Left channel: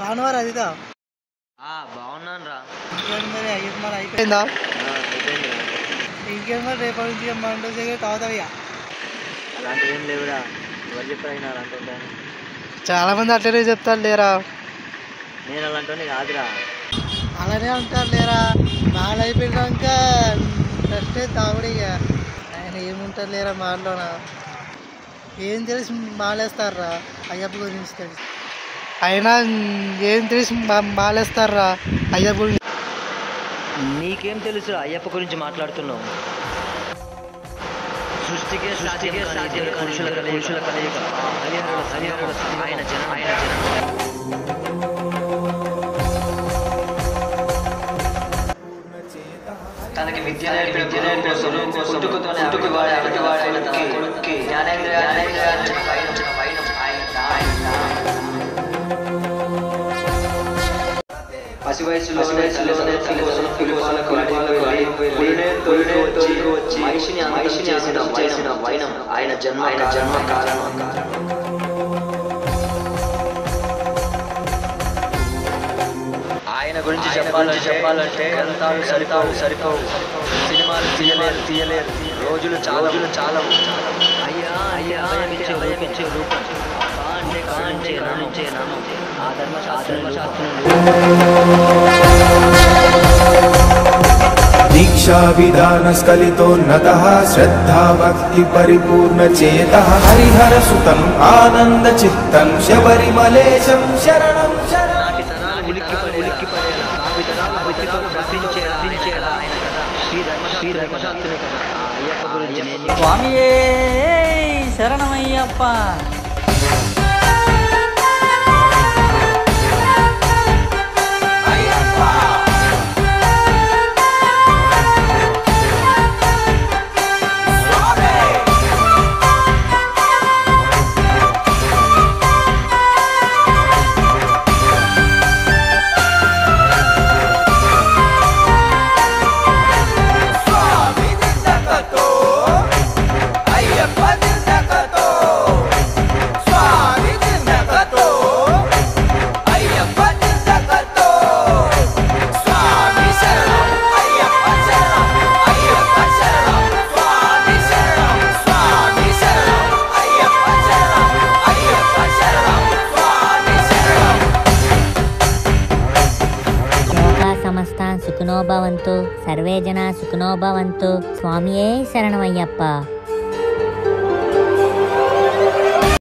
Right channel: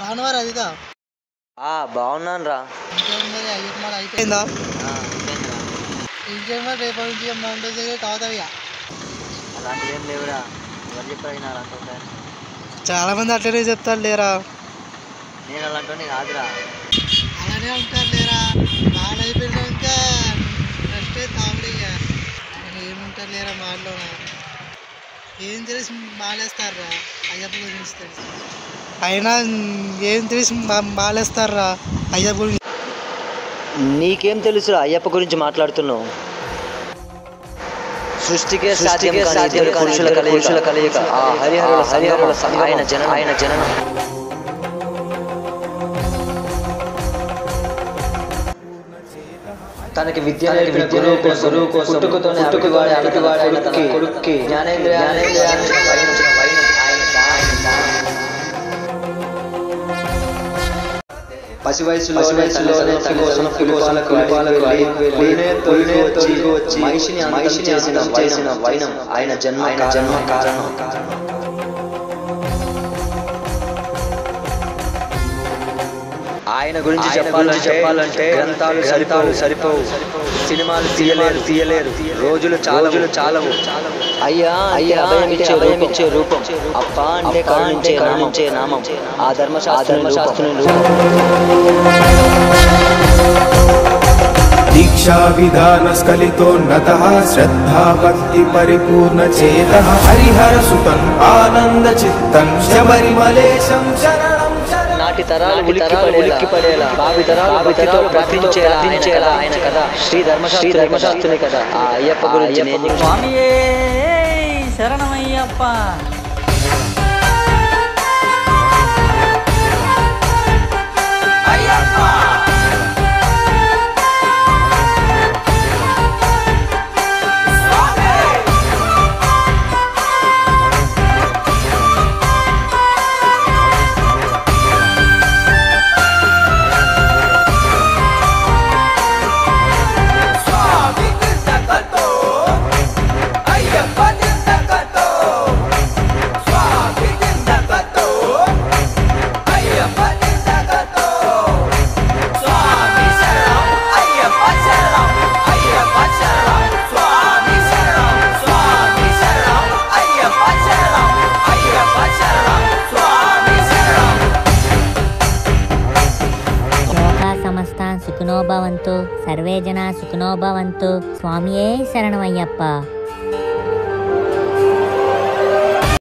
రానువారు అదిగా బాగున్నాను రా. ఇంకేం మరి అయ్యప్ప మరి అయిపోయిందా? అయిపోయిందిరా. ఇంకేం మరి రేపటి నుంచి మన రోజు కావుతావు ఇక. అలాంటివి ఏం లేవురా. ఎవరు చెప్పినా అలాంటి ఉంటాయని. చాలా మంది అట్లనే చెప్తారు లేరా. నేను అలాంటి కాదురా. అలానే అంటారు లేరా. మాలు అయిపోయినాక ఫస్ట్ తాగుడు ఇక ఆయన ఏముంటారు లేరా మాలోన. ఏం తెలిసి మాలేస్తారా అయ్యప్ప గురించి తెలుసు. అయినా ఏం తెలిసి మాలేస్తారా అయ్యప్ప గురించి. నీకేం తెలుసురా అయ్యప్ప గురించి మాట్లాడుతున్నావు? సృష్టికే పురుషుల కలయిక హరిహరుల సంగమం ఆయన జననం. తనకి విద్య నేర్పిన గురువు కోసం పుట్టుకతోనే అడుగువాడైన తన కొడుక్కి జ్ఞానేంద్రియాన్ని పసి వయసులోనే వచ్చి మనిషిని చేసిన వైనం ఆయన జన్మ కారణం. ఆయన గురించి చెప్పాలంటే గ్రంథాలు సరిపోవు. సినిమాలు తీయలేరు. రోజులు చాలవు. అయ్యా అభయమిచ్చే రూపం. అప్ప అంటే కరుణించే నామం. ఆ ధర్మశాస్త్రం दीक्षा विधान स्खलितोन्नतः श्रद्धा भक्ति परिपूर्ण चेतः हरिहर सुतं आनंद चित्तं शबरिमलेशं शरणं నాటి తరాలు ఉలిక్కి పడేలా భావి తరాలు ప్రార్థించేలా ఆయన కదా శ్రీ ధర్మశాస్త్రుని కదా ఆ అయ్యప్ప గురించి. స్వామియే శరణమయ్యప్ప. సమస్తాన్ సుఖినో భవంతు, సర్వే జనా సుఖినో భవంతు. స్వామియే శరణమయ్యప్ప.